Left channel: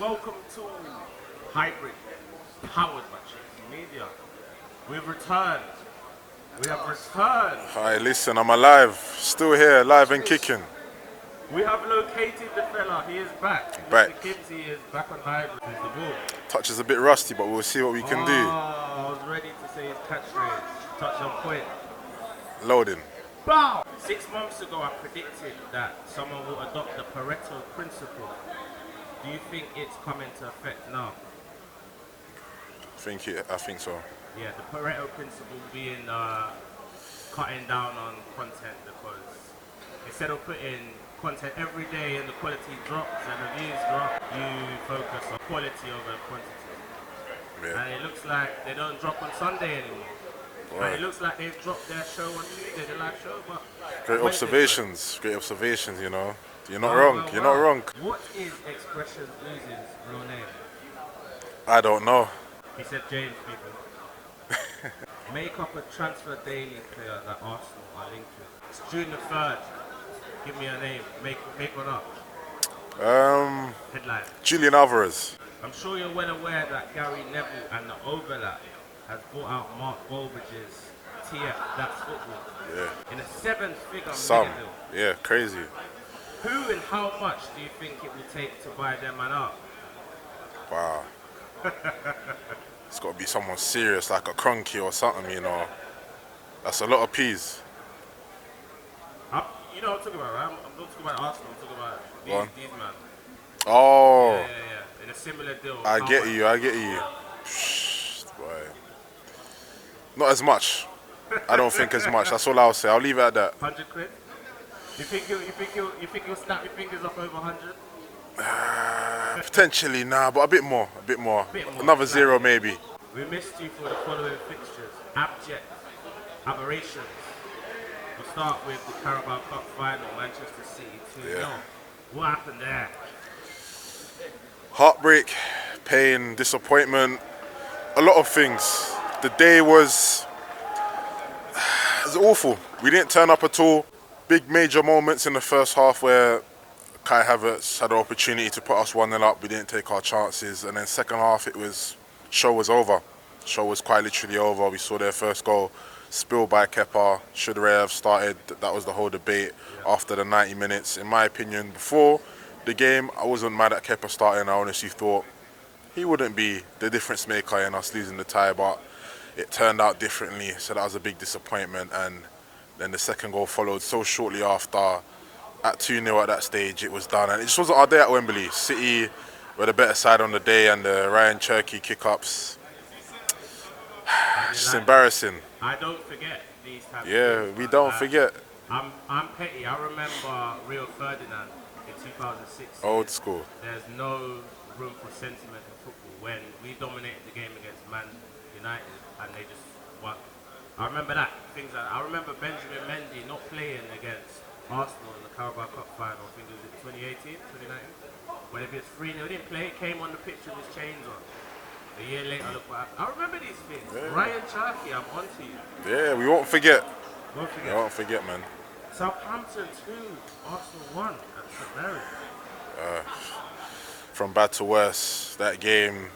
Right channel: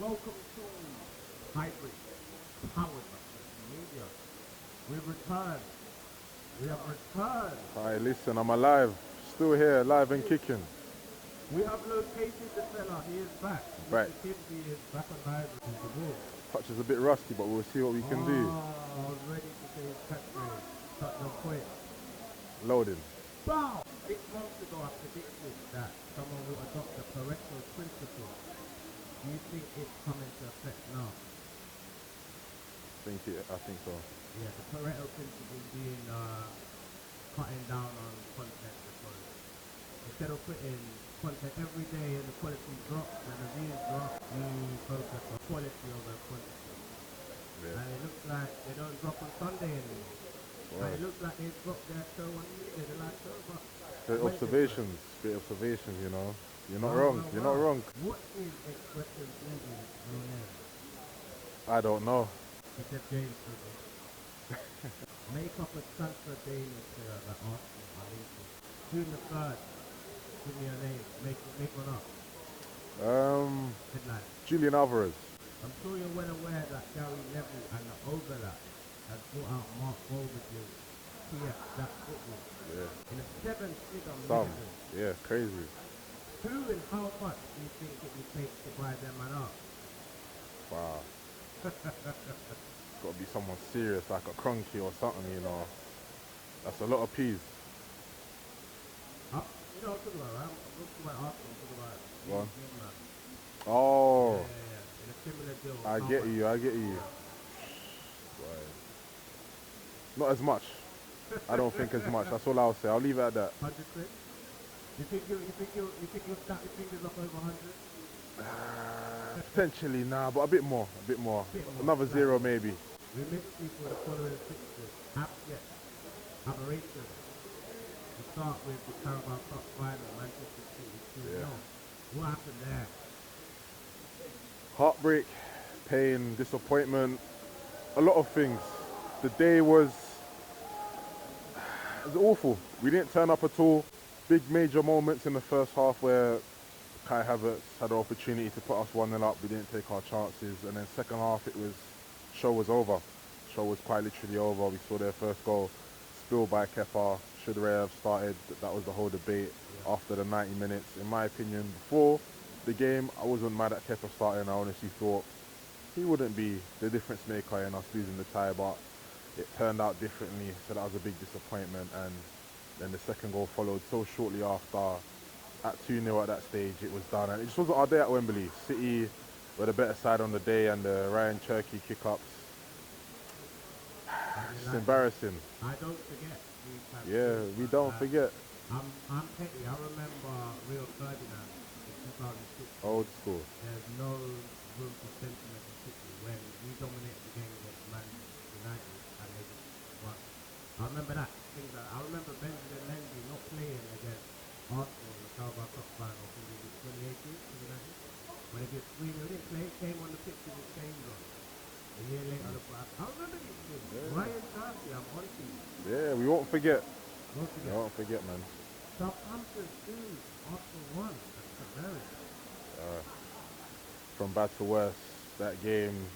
Welcome to Hybrid, powered by chinkseyMEDIA. We've returned. We have returned. Hi, listen, I'm alive. Still here, alive and kicking. We have located the fella. He is back. Back. Mr. Kivzyy is back on Hybrid. He's the ball. Touch is a bit rusty, but we'll see what we can do. I was ready to say his catchphrase. Touch on point. Loading. Bow! 6 months ago, I predicted that someone will adopt the Pareto principle. Do you think it's come into effect now? I think so. Yeah, the Pareto principle being cutting down on content, because instead of putting content every day and the quality drops and the views drop, you focus on quality over quantity. Yeah. And it looks like they don't drop on Sunday anymore. Right. And it looks like they've dropped their show on Tuesday, the live show, but Great observations, you know. You're not wrong, you're not wrong. What is Expression Losing's real name? I don't know. He said James, people. Make up a transfer daily player that Arsenal are linked with. It's June the 3rd. Give me a name. Make one up. Headline. Julian Alvarez. I'm sure you're well aware that Gary Neville and the Overlap has bought out Mark Goldbridge's TF, That's Football. Yeah. In a 7-figure Some. mega deal. Yeah, crazy. Who and how much do you think it will take to buy them man up? Wow. It's got to be someone serious, like a Cronky or something, you know. That's a lot of peas. You know what I'm talking about, right? I'm not talking about Arsenal, I'm talking about these man. Oh. Yeah. In a similar deal. I get you. Boy. Not as much. I don't think as much. That's all I'll say. I'll leave it at that. 100 quid? You think you'll snap your fingers up over 100? Potentially, nah, but a bit more. Another zero maybe. We missed you for the following fixtures. Abject aberrations. We'll start with the Carabao Cup final, Manchester City 2-0. Yeah. What happened there? Heartbreak, pain, disappointment, a lot of things. The day was awful. We didn't turn up at all. Big major moments in the first half where Kai Havertz had the opportunity to put us 1-0 up. We didn't take our chances. And then second half, show was over. Show was quite literally over. We saw their first goal spilled by Kepa. Should Ray have started? That was the whole debate after the 90 minutes. In my opinion, before the game, I wasn't mad at Kepa starting. I honestly thought he wouldn't be the difference maker in us losing the tie, but it turned out differently. So that was a big disappointment. And then the second goal followed so shortly after. At 2-0 at that stage, it was done. And it just wasn't our day at Wembley. City were the better side on the day, and the Ryan Cherky kick-ups, just embarrassing. I don't forget these types Yeah, we don't forget. I'm petty. I remember Rio Ferdinand in 2006. Old school. There's no room for sentiment in football when we dominated the game against Man United and they just won. I remember that. I remember Benjamin Mendy not playing against Arsenal in the Carabao Cup final. I think it was 2018, 2019. When it was 3-0, he didn't play. He came on the pitch with his chains on. A year later, look what happened. I remember these things. Yeah. Ryan Cherky, I'm on to you. Yeah, we won't forget. Don't forget. We won't forget, man. Southampton 2, Arsenal 1 at St Mary's. From bad to worse, that game.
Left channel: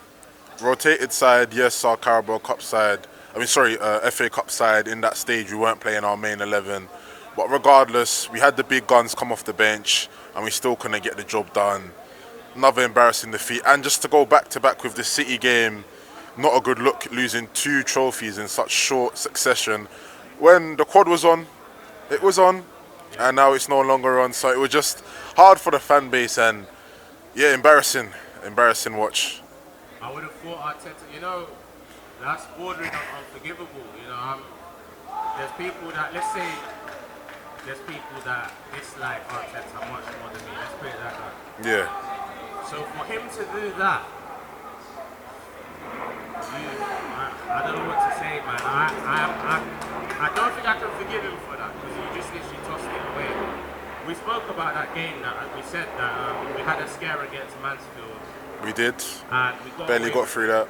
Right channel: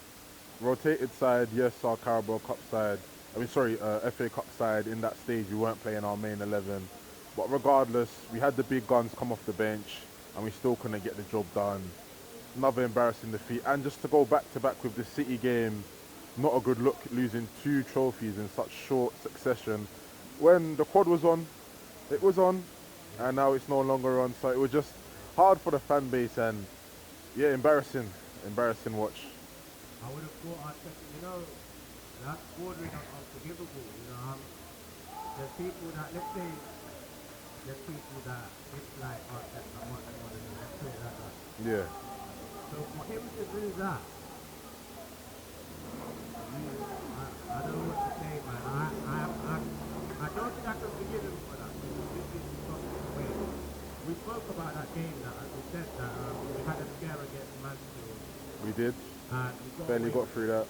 Rotated side, yes, our Carabao Cup side. FA Cup side. In that stage, we weren't playing our main 11. But regardless, we had the big guns come off the bench and we still couldn't get the job done. Another embarrassing defeat. And just to go back-to-back with the City game, not a good look, losing 2 trophies in such short succession. When the quad was on, it was on, and now it's no longer on. So it was just hard for the fan base and, yeah, embarrassing watch. I would have thought Arteta, that's bordering on unforgivable. There's people that, let's say, there's people that dislike Arteta much more than me. Let's put it that way. Yeah. So for him to do that, I don't know what to say, man. I don't think I can forgive him for that because he just literally tossed it away. We spoke about that game we said that we had a scare against Mansfield. We did. And we barely got through that.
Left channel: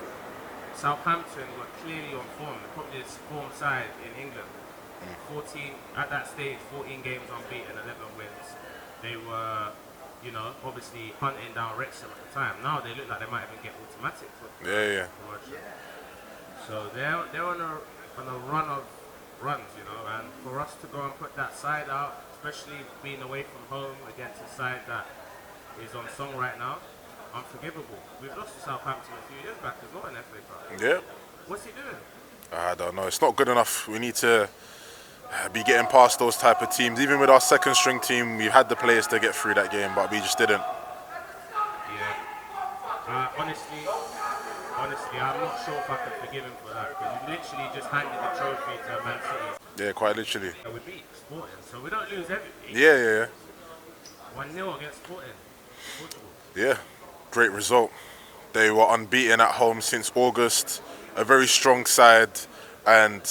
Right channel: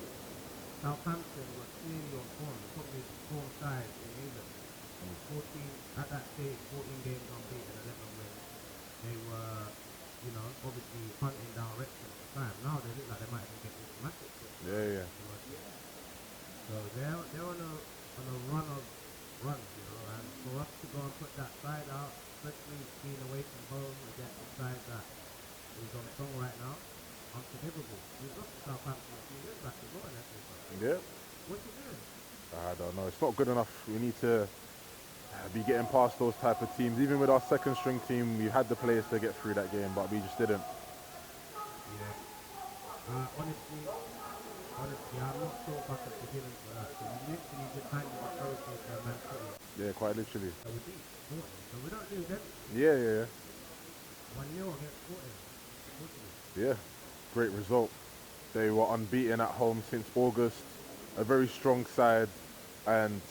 Southampton were clearly on form, probably the form side in England. 14 at that stage, 14 games unbeaten, 11 wins. They were you know, obviously hunting down Wrexham at the time. Now they look like they might even get automatic. Yeah. So they're on a run of runs, you know, and for us to go and put that side out, especially being away from home against a side that is on song right now, unforgivable. We've lost to Southampton a few years back as well in FA Cup. Yeah. What's he doing? I don't know. It's not good enough. We need to be getting past those type of teams. Even with our second string team, we had the players to get through that game, but we just didn't. Yeah. Honestly, I'm not sure if I can forgive him for that, because he literally just handed the trophy to Man City. Yeah, quite literally. And we beat Sporting, so we don't lose everything. Yeah. 1-0 against Sporting. Portugal. Yeah, great result. They were unbeaten at home since August. A very strong side, and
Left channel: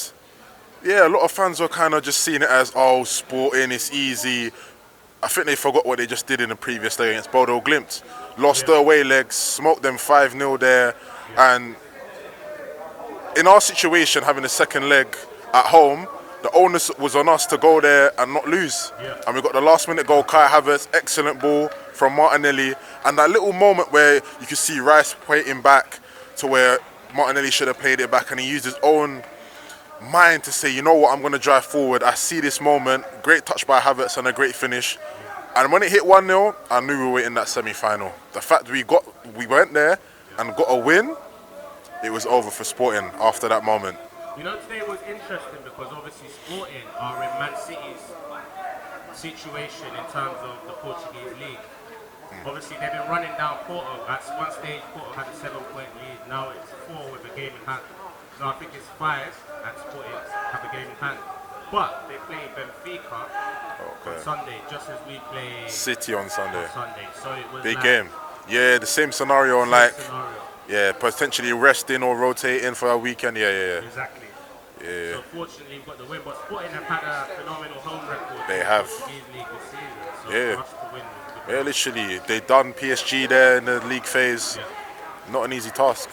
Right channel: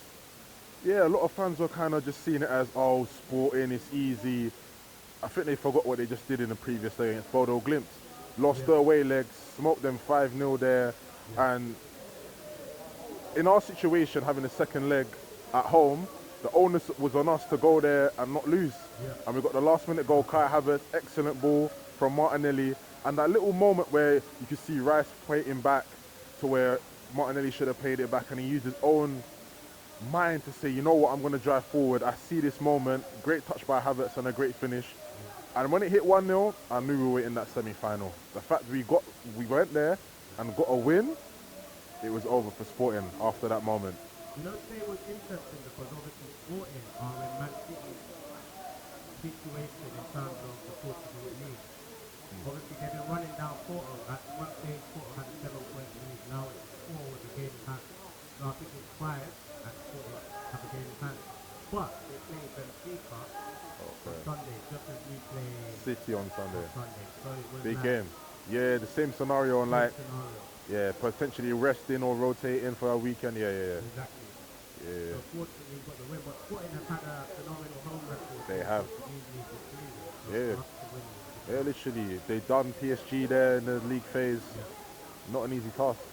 yeah, a lot of fans were kind of just seeing it as, oh, Sporting, it's easy. I think they forgot what they just did in the previous day against Bodo Glimt. Lost their away legs, smoked them 5-0 there, and in our situation, having a second leg at home, the onus was on us to go there and not lose. And we got the last minute goal, Kai Havertz, excellent ball from Martinelli, and that little moment where you could see Rice pointing back to where Martinelli should have played it back, and he used his own mind to say, you know what, I'm going to drive forward. I see this moment. Great touch by Havertz and a great finish. And when it hit 1-0, I knew we were in that semi-final. The fact we went there and got a win, it was over for Sporting after that moment. You know, today was interesting because obviously Sporting are in Man City's situation in terms of the Portuguese league. Obviously, they've been running down Porto. At one stage, Porto had a 7-point lead. Now it's 4 with a game in hand. No, I think it's 5 and Sporting have a game in hand. But they play Benfica on Sunday, just as we play City on Sunday. So it was big like game. Yeah, the same scenario on yeah, potentially resting or rotating for a weekend. Yeah. Exactly. Yeah. So fortunately, we've got the win. But Sporting have had a phenomenal home record. They have. Portuguese league this season. So Yeah. for us to win. Yeah, literally. They done PSG there in the league phase. Not an easy task.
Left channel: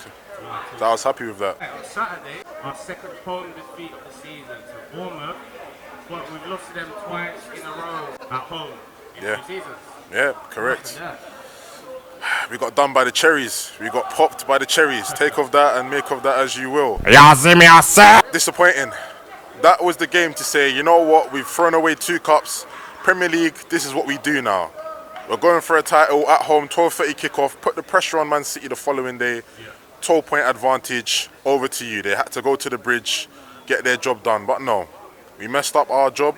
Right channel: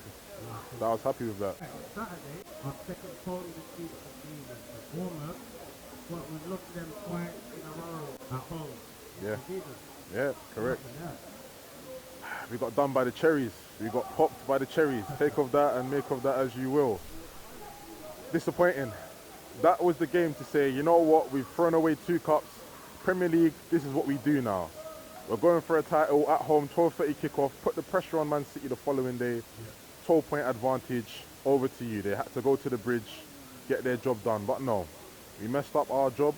I was happy with that. On Saturday, our second home defeat of the season to Bournemouth, but we've lost to them twice in a row at home in 2 seasons. Yeah, correct. We got done by the cherries. We got popped by the cherries. Take of that and make of that as you will. Disappointing. That was the game to say, you know what, we've thrown away 2 cups. Premier League, this is what we do now. We're going for a title at home, 12:30 kickoff, put the pressure on Man City the following day. 12-point advantage, over to you. They had to go to the bridge, get their job done. But no, we messed up our job,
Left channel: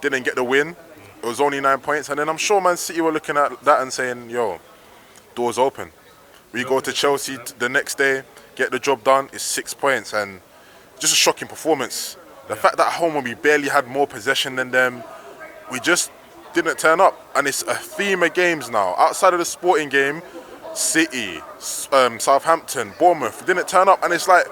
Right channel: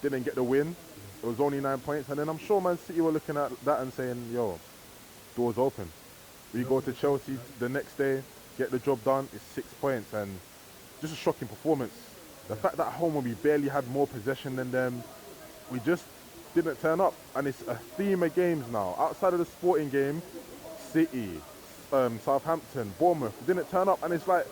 didn't get the win. It was only 9 points. And then I'm sure Man City were looking at that and saying, yo, doors open. We go to Chelsea the next day, get the job done, it's 6 points. And just a shocking performance. The fact that at home when we barely had more possession than them, we just didn't turn up. And it's a theme of games now. Outside of the Sporting game, City, Southampton, Bournemouth didn't turn up, and it's like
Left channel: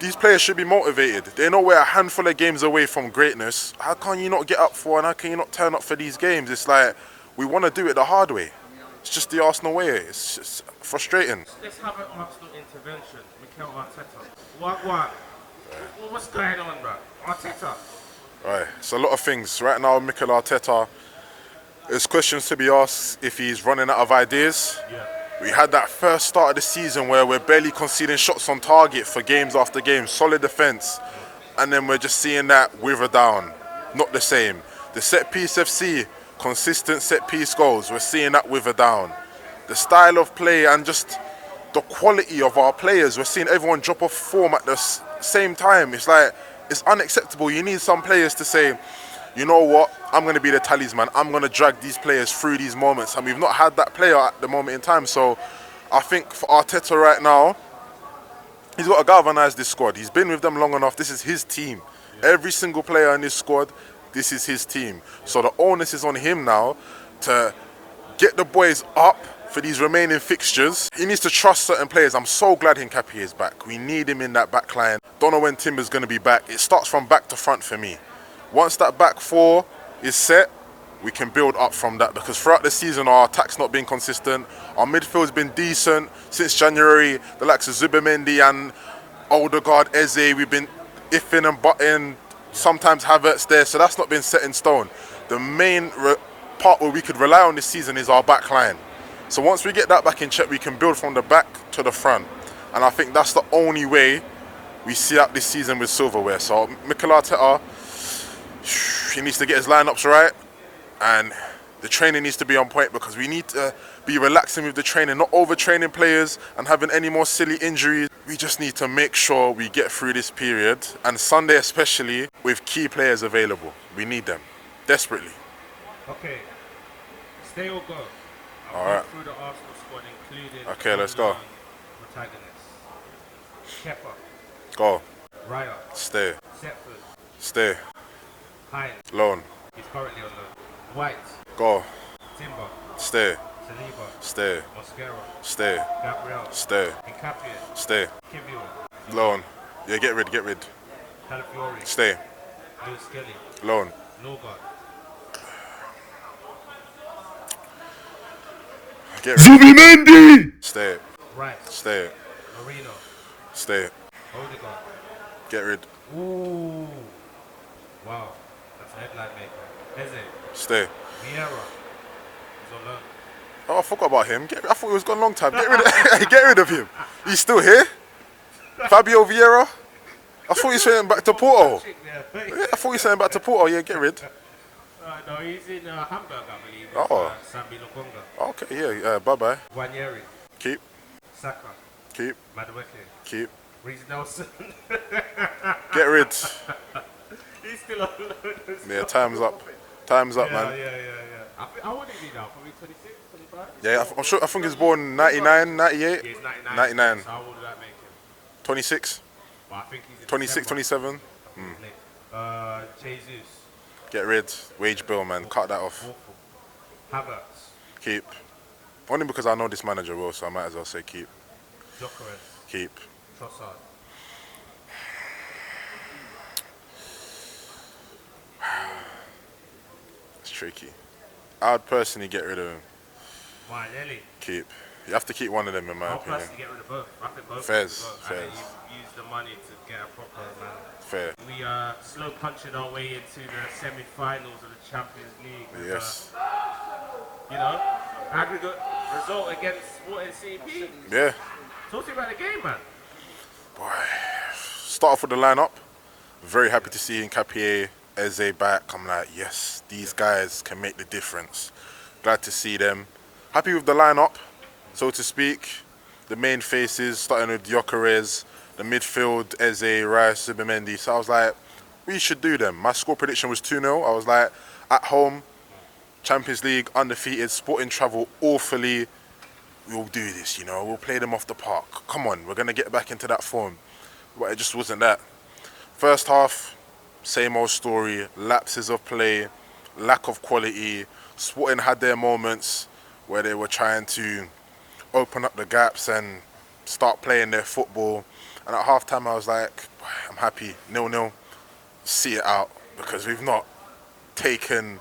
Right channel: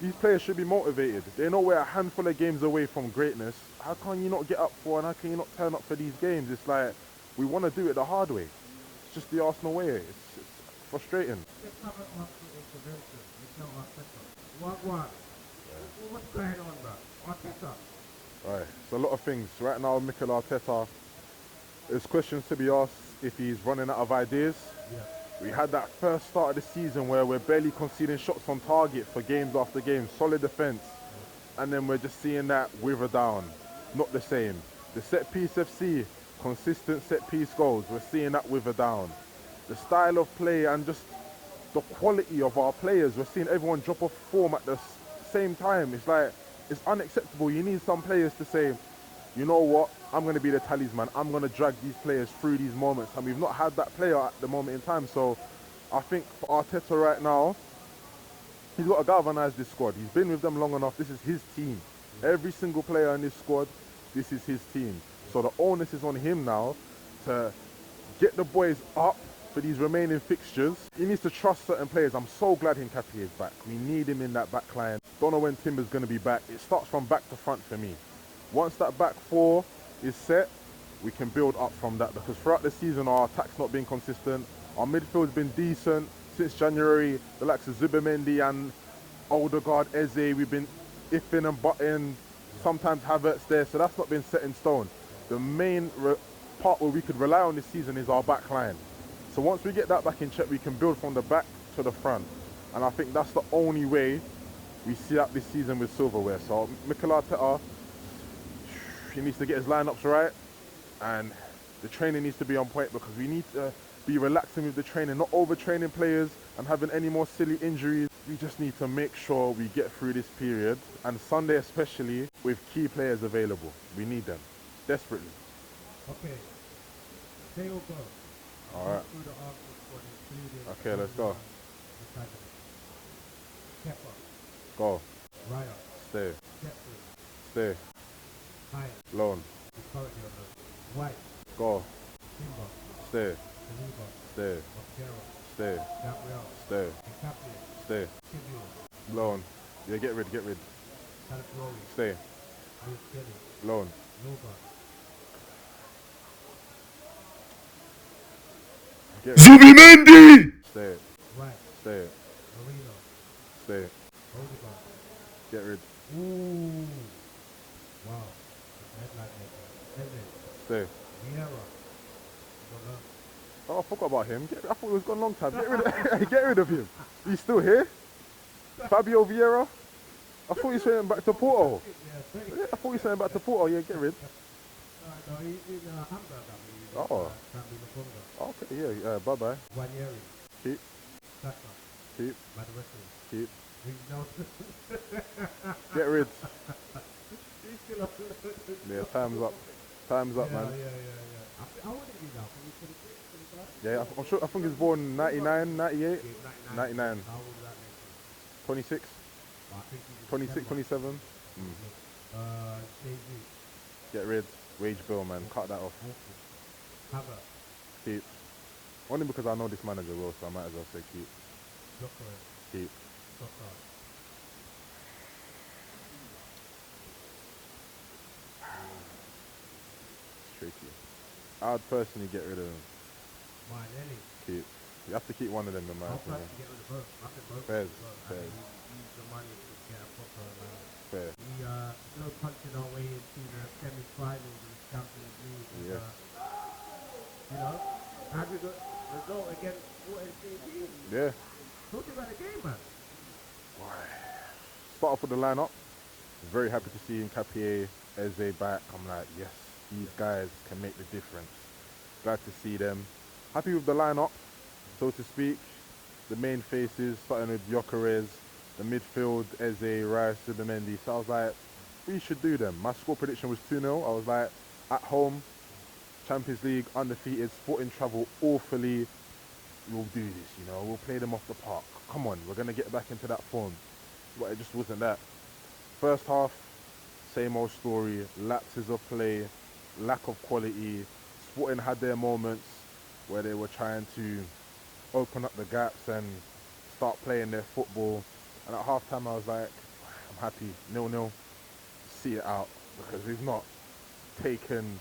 these players should be motivated. They know we're a handful of games away from greatness. How can you not get up for, and how can you not turn up for these games? It's like we want to do it the hard way. It's just the Arsenal way. It's just frustrating. Let's have an Arsenal intervention. Mikel Arteta. What's going on, bro? Arteta. Right, it's a lot of things. Right now, Mikel Arteta, there's questions to be asked if he's running out of ideas. We had that first start of the season where we're barely conceding shots on target for games after game, solid defence, and then we're just seeing that wither down. Not the same. The set piece FC, consistent set piece goals, we're seeing that wither down. The style of play and just the quality of our players, we're seeing everyone drop off form at the same time. It's like, it's unacceptable. You need some players to say, you know what, I'm going to be the talisman. I'm going to drag these players through these moments. And we've not had that player at the moment in time. So I think for Arteta right now, he's got to galvanise this squad. He's been with them long enough. This is his team. Every single player in this squad, this is his team. So the onus is on him now to get the boys up for these remaining fixtures. He needs to trust certain players. I'm so glad Hincapié is back. We need him in that back line. Don't know when Timber's going to be back. It starts from back to front for me. Once that back 4 is set, we can build up from that, because throughout the season our attack's not been consistent. Our midfield's been decent since January. The likes of Zubimendi and Odegaard, Eze, we've been iffing and butting. Sometimes Havertz there, so that's not been set in stone. The main part where we could rely on this season is our back line. So once we get that back in check, we can build from the back to the front. And I think that's the only way we see out this season with silverware. So Mikel Arteta, he needs to get his lineups right, and the training needs to be on point, because we need to be relaxing with the training, not overtraining players and having any more silly injuries. We just need to make sure we get through this period, and Sunday especially, with key players available. We need them desperately. Okay, stay or go? All right. Through the Arsenal squad, including Okay, let's go. Protagonists. Kepa. Go. Raya. Stay. Setford. Stay. Hines. Loan. He's currently on loan. White. Go. Timber. Stay. Saliba. Stay. Mosquera. Stay. Gabriel. Stay. Nkapie. Stay. Kivzyy. Loan. Yeah, get rid. Calafiori. Stay. Lewis Skelly. Loan. Norgard. Get rid. chinkseyMEDIA! Stay. Rice. Stay. Marino. Stay. Odegaard. Get rid. Ooh. Wow. That's a headline maker. Eze. Stay. Vieira. He's on loan. Oh, I forgot about him. I thought he was gone a long time. Get rid of him. He's still here. Fabio Vieira. I thought he was saying back to Porto. Yeah. Yeah, I thought he was saying back to Porto. Yeah, get rid. No, he's in Hamburg, I believe. Oh. Sambi Lokonga. Okay, yeah. Bye-bye. Wanyeri. Keep. Saka. Keep. Madueke. Keep. Reece Nelson. Get rid. He's still on loan. Yeah, time's up. Time's up, man. Yeah. How old is he now? Probably 26, 25? Yeah, I'm sure. I think he's born 99, 98. Yeah, he's 99. 99. So how old does that make him? 26, Well, I think he's in 26, December. 27. Jesus. Get rid. Wage bill, man. Cut that off. Awful. Havertz. Keep. Only because I know this manager well, so I might as well say keep. Jokeres. Keep. Trossard. It's tricky. I'd personally get rid of him. Martinelli. Keep. You have to keep one of them, in my I'll opinion. personally get rid of both. I think both. Fairs, of them both. fairs. And then you use the money to get a proper man. Fair. We are slow punching our way into the semi-finals of the Champions League. With, Yes. Aggregate result against Sporting CP. Yeah. Talk to me about the game, man. Boy. Start off with the lineup. Very happy to see Nkapie, Eze back. I'm like, yes, these guys can make the difference. Glad to see them. Happy with the lineup, so to speak. The main faces, starting with Gyökeres, the midfield, Eze, Rice, chinkseyMEDIA. So I was like, we should do them. My score prediction was 2-0. I was like, at home, Champions League, undefeated, Sporting travel awfully. We'll do this, we'll play them off the park. Come on, we're going to get back into that form. But it just wasn't that. First half, same old story, lapses of play, lack of quality. Sporting had their moments where they were trying to open up the gaps and start playing their football. And at half-time, I was like, I'm happy, 0-0, see it out, because we've not taken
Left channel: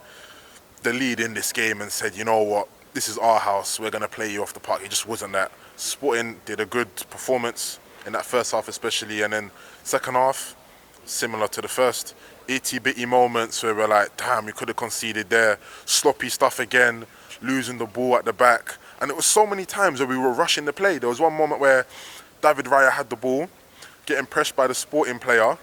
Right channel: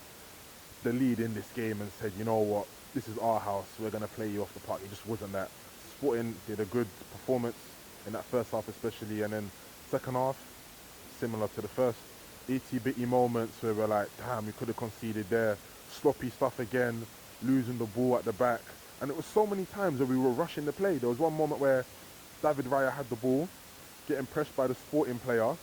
the lead in this game and said, you know what, this is our house, we're going to play you off the park. It just wasn't that. Sporting did a good performance in that first half especially, and then second half, similar to the first, itty-bitty moments where we're like, damn, we could have conceded there. Sloppy stuff again, losing the ball at the back. And it was so many times where we were rushing the play. There was one moment where David Raya had the ball, getting pressed by the Sporting player,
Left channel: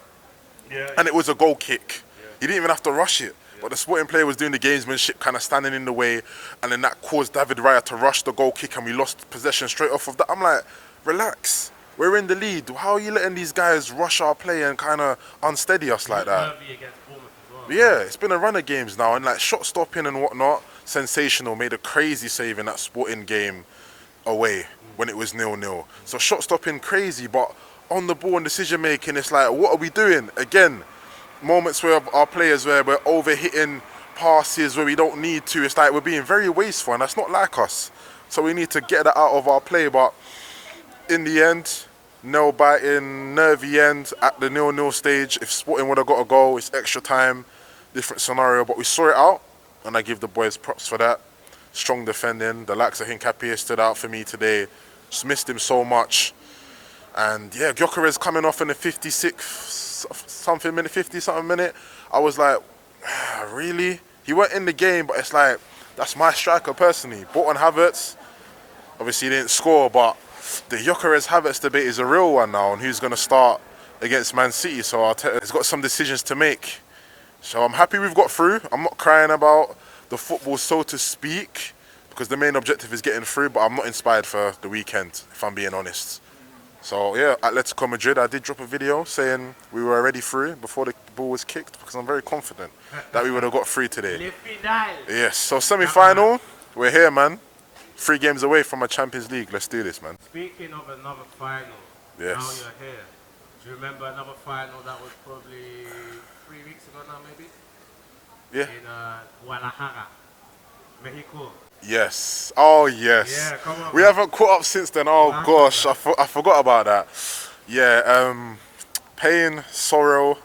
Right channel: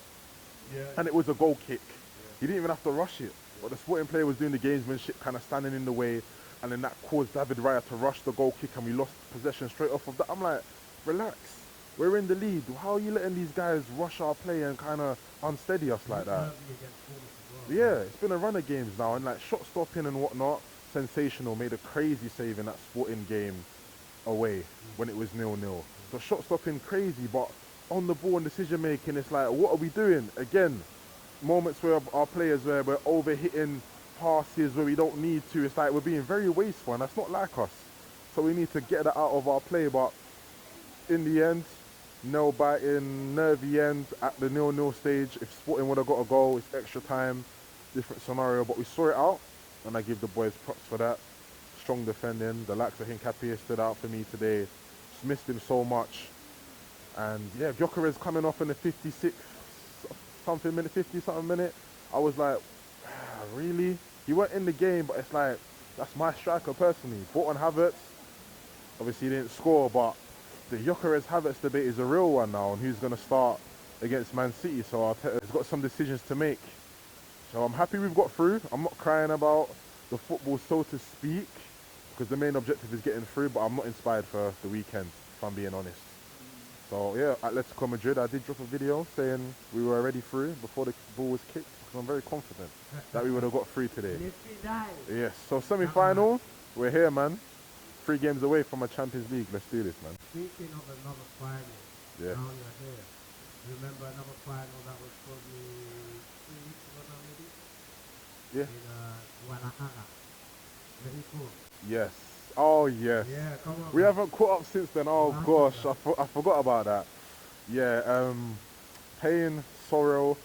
and it was a goal kick. He didn't even have to rush it. But the Sporting player was doing the gamesmanship, kind of standing in the way, and then that caused David Raya to rush the goal kick, and we lost possession straight off of that. I'm like, relax. We're in the lead. How are you letting these guys rush our play and kind of unsteady us like that? Yeah, it's been a run of games now, and like shot stopping and whatnot, sensational. Made a crazy save in that Sporting game away when it was 0-0. So shot stopping crazy, but on the ball and decision making, it's like, what are we doing? Again, moments where our players where we're overhitting passes where we don't need to. It's like we're being very wasteful, and that's not like us. So we need to get that out of our play. But in the end, nail-biting, nervy end at the 0-0 stage. If Sporting would have got a goal, it's extra time, different scenario. But we saw it out, and I give the boys props for that. Strong defending. The likes of Nkapie stood out for me today. Just missed him so much. And yeah, Gyökeres coming off in the 50-something minute. I was like, really? He weren't in the game, but it's like That's my striker personally. Bought on Havertz. Obviously he didn't score, but the Gyökeres Havertz debate is a real one now on who's going to start against Man City. So Arteta's got some decisions to make. So I'm happy we've got through. I'm not crying about the football, so to speak, because the main objective is getting through, but I'm not inspired for the weekend, if I'm being honest. So yeah, Atletico Madrid, I did drop a video saying we were already through before the ball was kicked, because I'm very confident that we would have got through today. Yes, so semi-final, we're here, man. 3 games away from a Champions League. Let's do this, man. Speaking of another final, yes. Now you're here. Do you remember another final that was probably 3 weeks ago now, maybe? Yeah. In Guadalajara, Mexico. Yes. Oh, yes. Yeah, come on. We haven't caught up since then. Oh, gosh. I forgot about that. Yeah, pain, sorrow,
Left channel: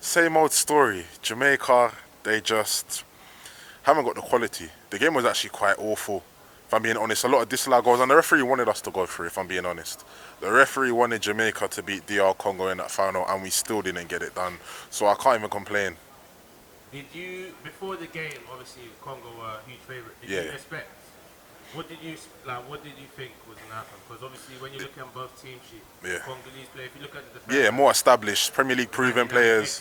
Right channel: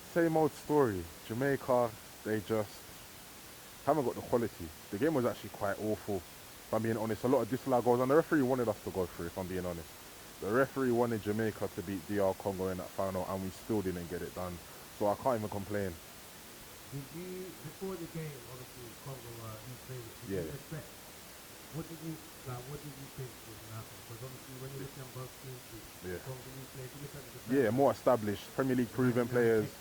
same old story. Jamaica, they just haven't got the quality. The game was actually quite awful, if I'm being honest. A lot of disallowed goals, and the referee wanted us to go through, if I'm being honest. The referee wanted Jamaica to beat DR Congo in that final, and we still didn't get it done. So I can't even complain. Did you, before the game, obviously Congo were a huge favourite, did you expect, what did you think was going to happen? Because obviously when you look at both team sheets, Congolese players, if you look at the defense, more established, Premier League proven players.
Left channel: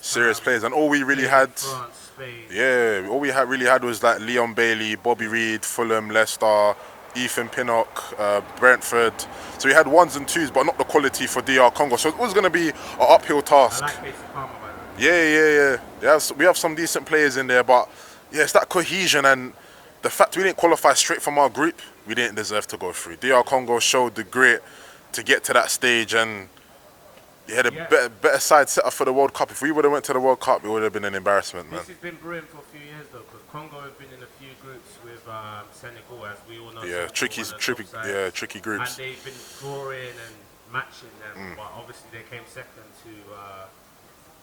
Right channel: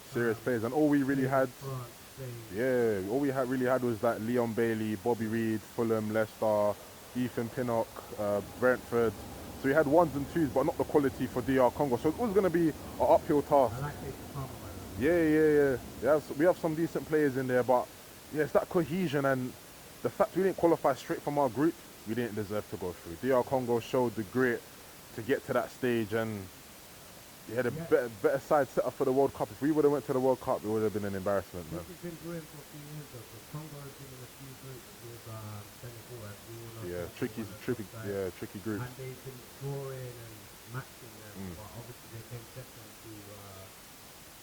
Serious players, and all we really had, France, Spain. all we really had was like Leon Bailey, Bobby Reid, Fulham, Leicester, Ethan Pinnock, Brentford. So we had 1s and 2s, but not the quality for DR Congo. So it was going to be an uphill task. I like Casey Palmer, by the way. Yeah. We have some decent players in there, but yeah, it's that cohesion, and the fact we didn't qualify straight from our group, we didn't deserve to go through. DR Congo showed the grit to get to that stage, and you had a better side set up for the World Cup. If we would have went to the World Cup, it would have been an embarrassment, man. This has been brewing for a few years though, because Congo have been in a few groups with Senegal, as we all know. Yeah, tricky groups. And they've been drawing and matching them, but obviously they came second to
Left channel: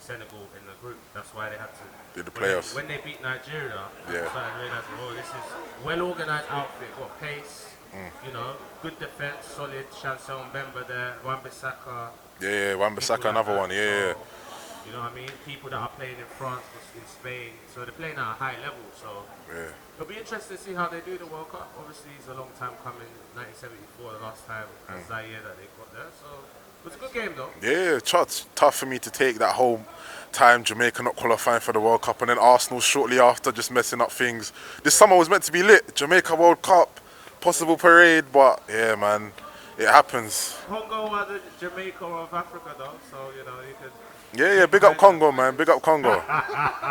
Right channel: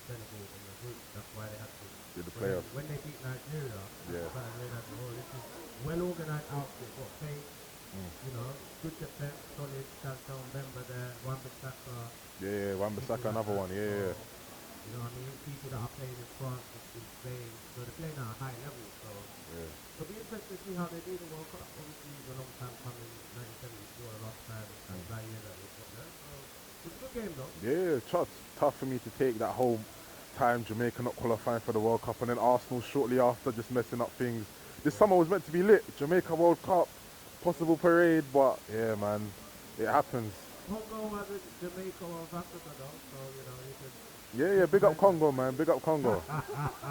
Senegal in the group. That's why they had to do the playoffs. When they beat Nigeria, I started realizing, this is well-organized outfit, got pace, you know, good defense, solid. Chancel Mbemba there, Wan-Bissaka. Wan-Bissaka, another one. You know what I mean? People that are playing in France, in Spain, so they're playing at a high level. So it'll be interesting to see how they do the World Cup. Obviously, it's a long time coming. 1974, the last time Zaire that they got there. So it was a good game, though. Yeah, tough for me to take that whole time Jamaica not qualifying for the World Cup, and then Arsenal shortly after just messing up things. This summer was meant to be lit. Jamaica World Cup, possible parade, but yeah, man, it happens. Congo are the Jamaica of Africa, though, so you know you could. Yeah, big up Congo, man. Big up Congo.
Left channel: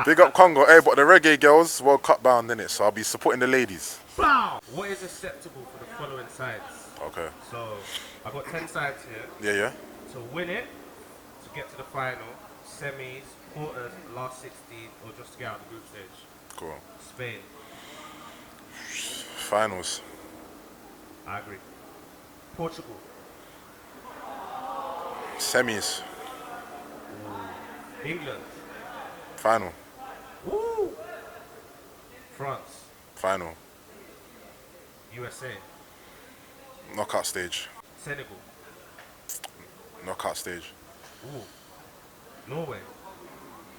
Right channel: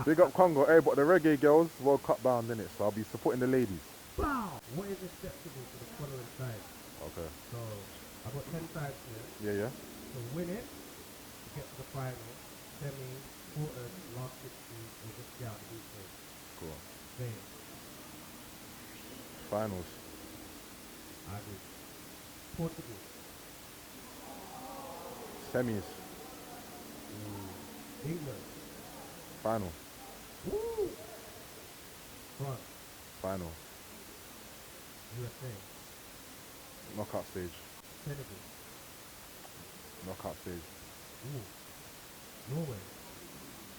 Big up Congo. Hey, but the reggae girls, World Cup bound, innit? So I'll be supporting the ladies. Wow. What is acceptable for the following sides? Okay. So I've got 10 sides here. Yeah. So win it to get to the final, semis, quarters, last 16, or just to get out of the group stage. Cool. Spain. Finals. I agree. Portugal. Semis. England. Final. Woo! France. Final. USA. Knockout stage. Senegal. Knockout stage. Ooh. Norway.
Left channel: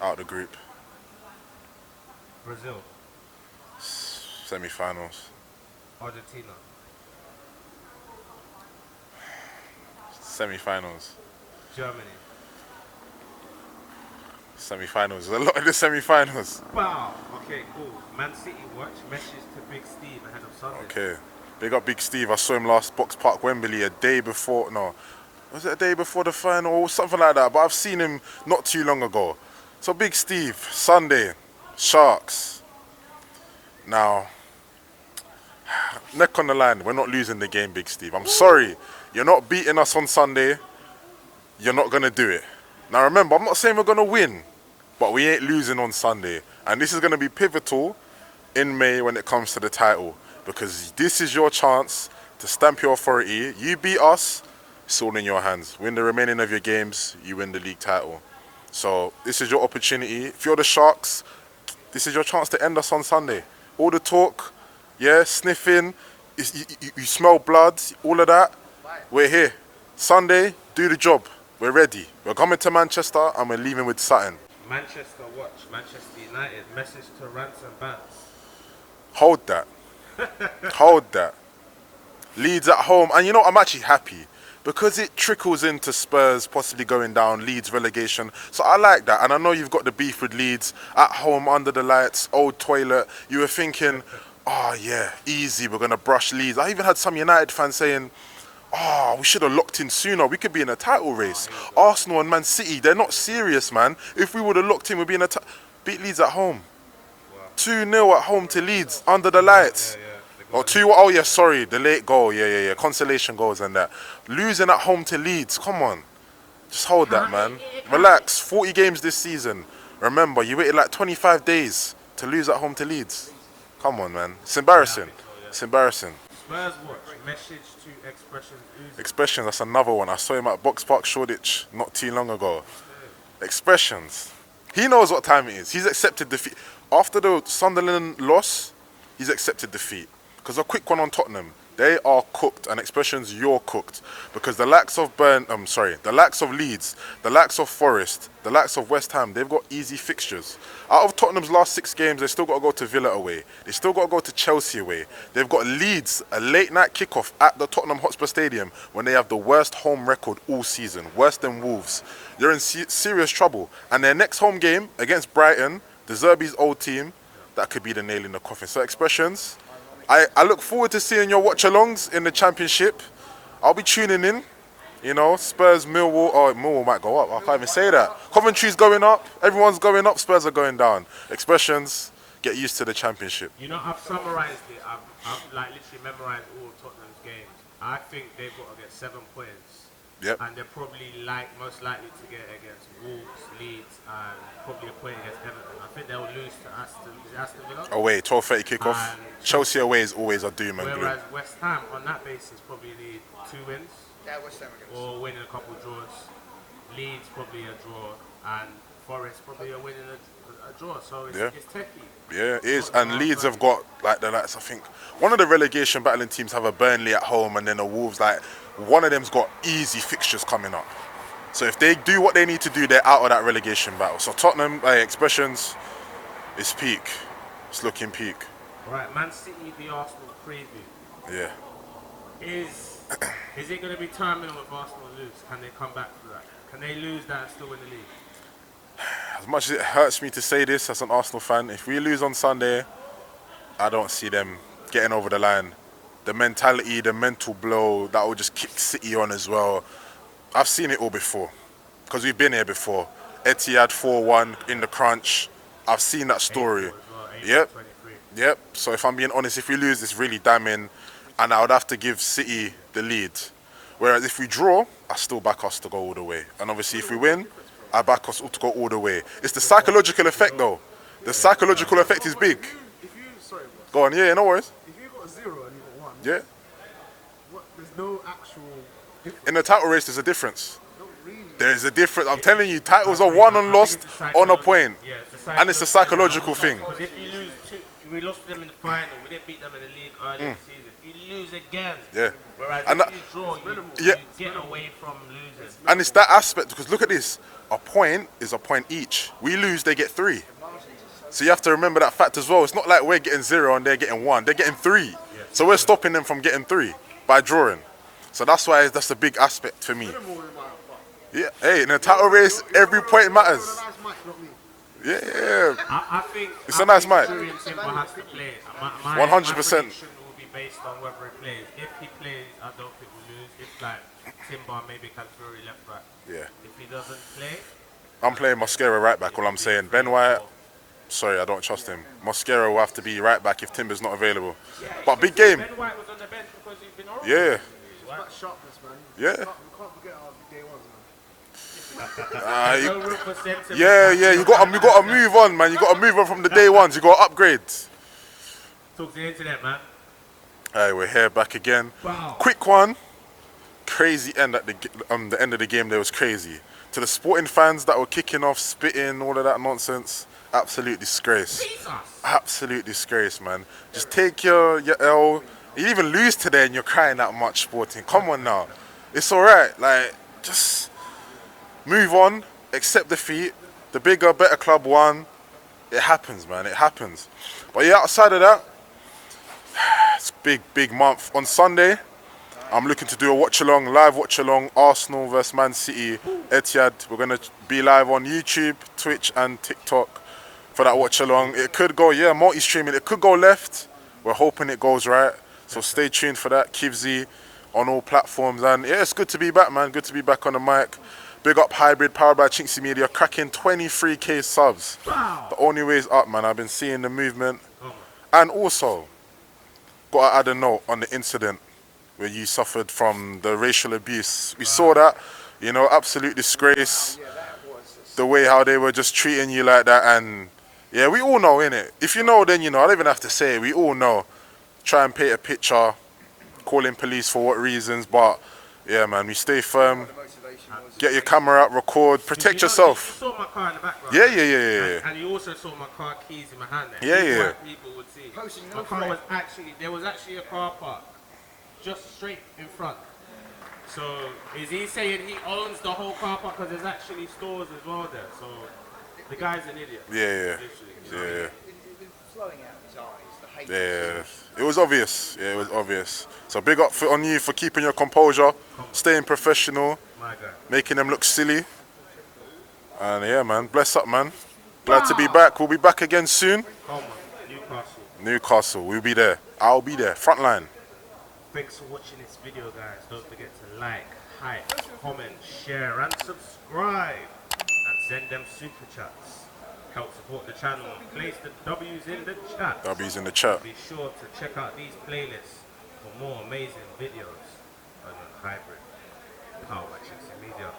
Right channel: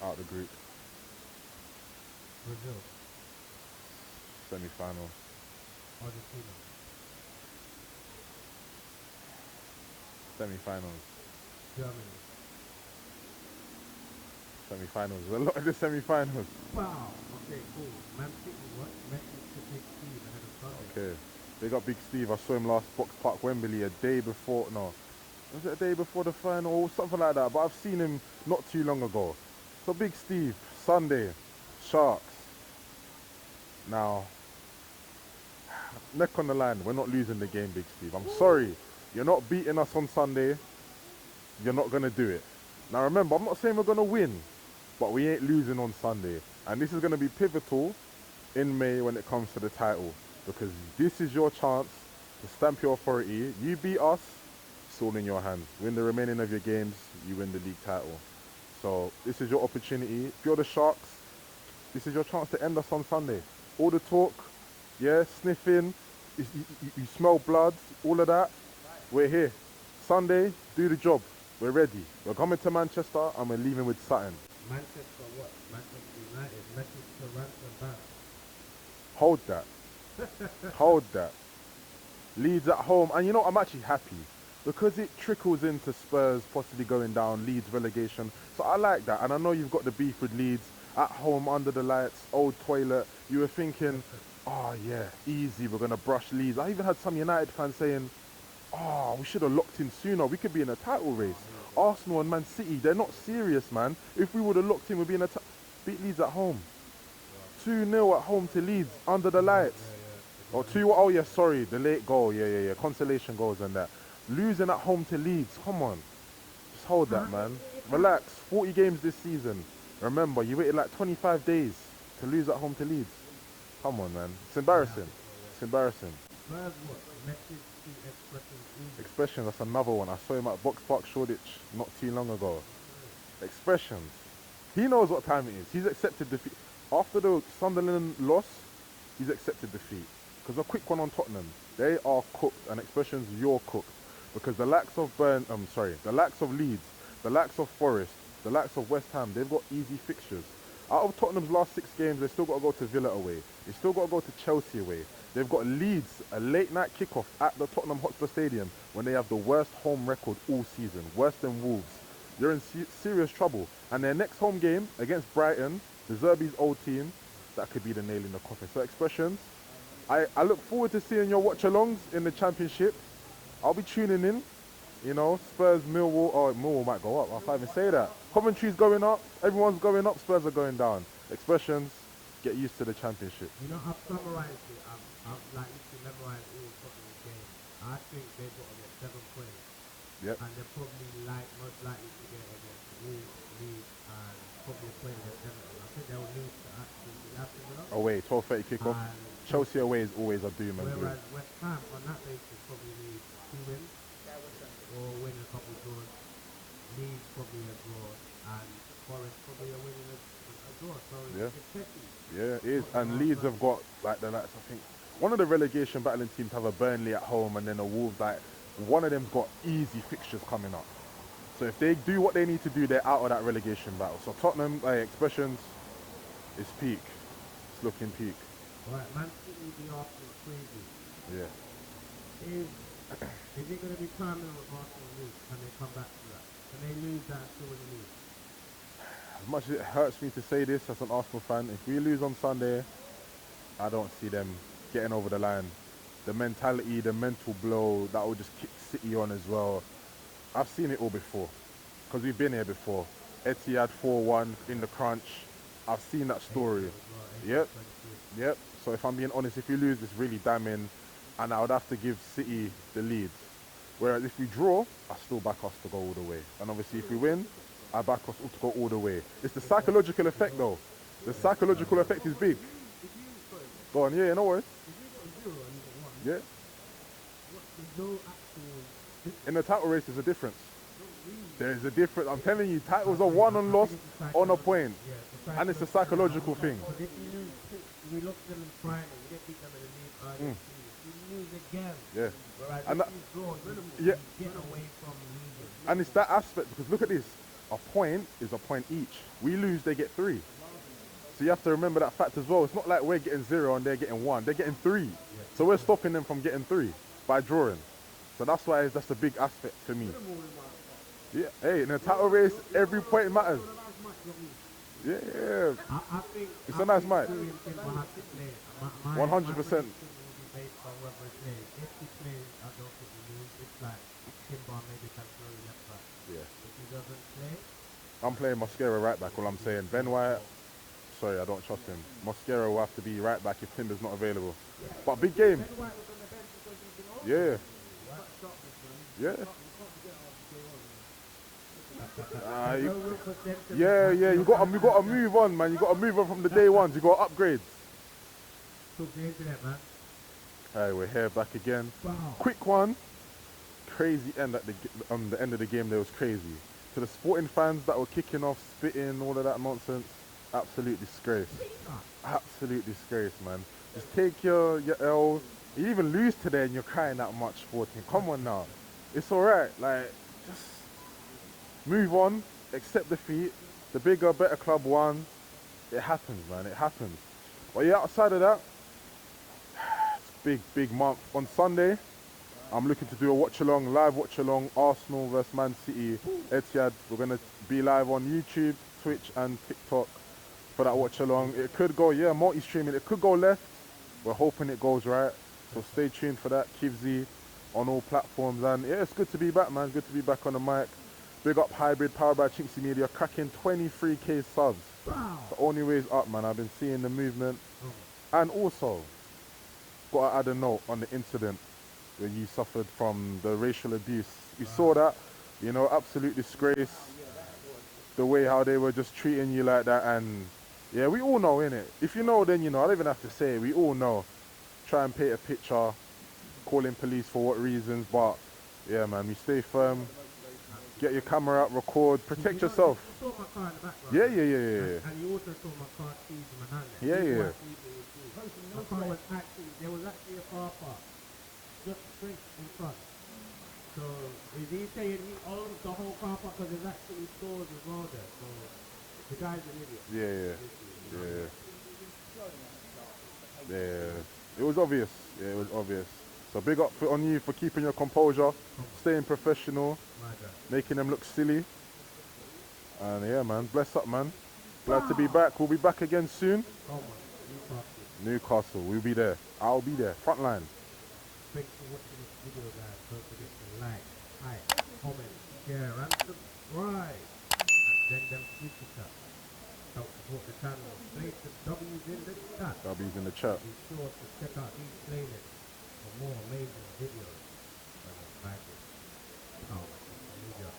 Out the group. Brazil. Semi-finals. Argentina. Semi-finals. Germany. Semi-finals. A lot of the semi-finals. Wow. Okay, cool. Man City watch. Message to Big Steve ahead of Sunday. Okay. Big up Big Steve. I saw him last Box Park Wembley a day before. No. Was it a day before the final or something like that? But I've seen him not too long ago. So Big Steve, Sunday, Sharks. Now, neck on the line. We're not losing the game, Big Steve. I'm sorry. You're not beating us on Sunday. You're not going to do it. Now remember, I'm not saying we're going to win, but we ain't losing on Sunday. And this is going to be pivotal in May when it comes to the title, because this is your chance to stamp your authority. You beat us, it's all in your hands. Win the remaining of your games, you win the league title. So this is your opportunity. If you're the Sharks, this is your chance to end us on Sunday. All the talk, sniffing, you smell blood, all of that, we're here. Sunday, do the job. We're ready. We're coming to Manchester and we're leaving with something. Manchester watch. Manchester United. Message to Ransom Banks. Hold that. Hold that. Leeds at home. And you know, I'm actually happy because it trickles into Spurs possibly going down, Leeds relegation. So I like that. And I know you've got the beef with Leeds at home, under the lights, old toilet. You were thinking, oh yeah, easy, we're going to brush Leeds. I even had some United fans saying, oh, we should have locked in sooner. We could be in a title race. Arsenal and Man City, they're not serious, man. If we would have locked in, we'd be in a beat Leeds at home. 2-0 at home to Leeds, under the lights. Oh, 2, oh yeah, sorry, the late goal, yeah. Consolation goals and that. Losing at home to Leeds, come on. Just hold that, man. Relax, 40 games this season. Remember, you waited like 25 days to lose at home to Leeds. Come on, man. It's embarrassing. It's embarrassing. Spurs watch. Message to Expressions. Expressions, that's another one. I saw him at Box Park Shoreditch not too long ago. Expressions. He knows what time it is. He's accepted defeat. After the Sunderland loss, he's accepted defeat. Because a quick one on Tottenham. They are cooked, and Expressions, you're cooked. Because the likes of the likes of Leeds, the likes of Forest, the likes of West Ham, they've got easy fixtures. Out of Tottenham's last 6 games, they still got to go to Villa away. They still got to go to Chelsea away. They've got Leeds, a late night kickoff at the Tottenham Hotspur Stadium when they have the worst home record all season, worse than Wolves. They're in serious trouble. And their next home game against Brighton, the Zerbi's old team, that could be the nail in the coffin. So Expressions, I look forward to seeing your watch-alongs in the Championship. I'll be tuning in. You know, Spurs, Millwall. Oh, Millwall might go up. I can't even say that. Coventry's going up. Everyone's going up. Spurs are going down. Expressions, get used to the Championship. You know, I've summarised it. I've like literally memorised all of Tottenham's games. I think they've got to get 7 points. Yep. And they're probably most likely to get against Wolves, Leeds, and probably a point against Everton. I think they'll lose to Aston Villa. Away, 12:30 kickoff. Chelsea away is always a doom and gloom. Whereas West Ham, on that basis, probably need 2 wins. Yeah, West Ham against. Or winning a couple of draws. Leeds probably a draw, and Forest probably a winning a draw. So it's techie. Yeah, it is. And Leeds have got like the likes. I think one of the relegation battling teams have a Burnley at home, and then the Wolves. Like one of them's got easy fixtures coming up. So if they do what they need to do, they're out of that relegation battle. So Tottenham, Expressions, it's peak. It's looking peak. Right, Man City v Arsenal preview. Yeah. Is it going to be terminal if Arsenal lose? Can they come back to that? Can they lose that and still win the league? As much as it hurts me to say this as an Arsenal fan, if we lose on Sunday, I don't see them getting over the line. The mentality, the mental blow, that will just kick City on as well. I've seen it all before, because we've been here before. Etihad 4-1 in the crunch. I've seen that story. Yep. So if I'm being honest, if we lose, it's really damning, and I would have to give City the lead. Whereas if we draw, I still back us to go all the way. And obviously if we win, I back us to go all the way. It's the psychological effect though. The psychological effect is big. Go on, yeah, no worries. If you got 0 and you got 1, Yeah. there's no actual. In the title race, there's a difference. There is a difference. I'm telling you, titles are won and lost on a point. And it's a psychological thing. Because if you lose we lost to them in the final, we didn't beat them in the league earlier this season. If you lose again, whereas and if you draw, you get away from losing. And it's that aspect, because look at this. A point is a point each. We lose, they get 3. So you have to remember that fact as well. It's not like we're getting 0 and they're getting 1. They're getting 3. So we're stopping them from getting 3 by drawing. So that's why that's a big aspect for me. Yeah, hey, in a title race, every point matters. Yeah. I think it's a nice match. Timber has to play. 100%. My prediction will be based on whether he plays. If he plays, I don't think we'll lose. If like Timber, maybe Kivzyy left back. Yeah. If he doesn't play, I'm playing Mosquera right back. All I'm saying, Ben White. Sorry, I don't trust him. Mosquera will have to be right back if Timber's not available. Yeah, but big game. Ben White was on the bench because he's been horrible. Yeah. That sharpness, man. Yeah. You can't forget our day 1, man. You got to move on, man. You got to move on from the day ones. You got to upgrade. Talk to the internet, man. Hey, we're here back again. Wow. Quick one. Crazy end at the end of the game. There was crazy. To the Sporting fans that were kicking off, spitting, all of that nonsense. Absolute disgrace. Jesus. Absolute disgrace, man. Just take your L. You even lose today and you're crying that much, Sporting. Come on now. It's all right. Like, just move on, accept defeat, the bigger, better club won. It happens, man. It happens. But yeah, outside of that, it's big month. On Sunday, I'm looking to do a watch-along, live watch-along, Arsenal versus Man City, Etihad. We're going to be live on YouTube, Twitch and TikTok for that watch-along. It could go, yeah, multi-streaming. It could go left. We're hoping it goes right. So stay tuned for that. Kivzyy on all platforms. And yeah, it's good to be back, man. Good to be back on the mic. Big up Hybrid, powered by chinkseyMEDIA, cracking 23k subs. Wow. The only way is up, man. I've been seeing the movement. And also, got to add a note on the incident where you suffered from the racial abuse. We saw that, you know, absolute disgrace. The way how they were just treating you like that. And yeah, we all know, innit? If you know, then you know. I don't even have to say it. We all know. Try and paint a picture, calling police for what reasons. But yeah, man, we stay firm. Get your camera out, record, protect yourself. You saw my car in the background. Yeah. And you also saw my car keys in my hand. Yeah. White people would see. My car was actually, there was actually a car park just straight in front. So is he saying he owns the whole car park because there's actually stores as well there? So the guy's an idiot. Yeah. Yeah. It was obvious. Yeah, it was obvious. So big up on you for keeping your composure, staying professional, My guy. making them look silly. And yeah, man, bless up, man. Glad to be back. We'll be back again soon. Come on, Newcastle, we'll be there. I'll be there, front line. Thanks for watching this video, guys. Don't forget to like, hype, comment, share, and subscribe. And send them super chats. Help support the channel. Place the W's in the chat. W's in the chat. Be sure to check out these playlists for more amazing videos on Hybrid. Powered by chinkseyMEDIA.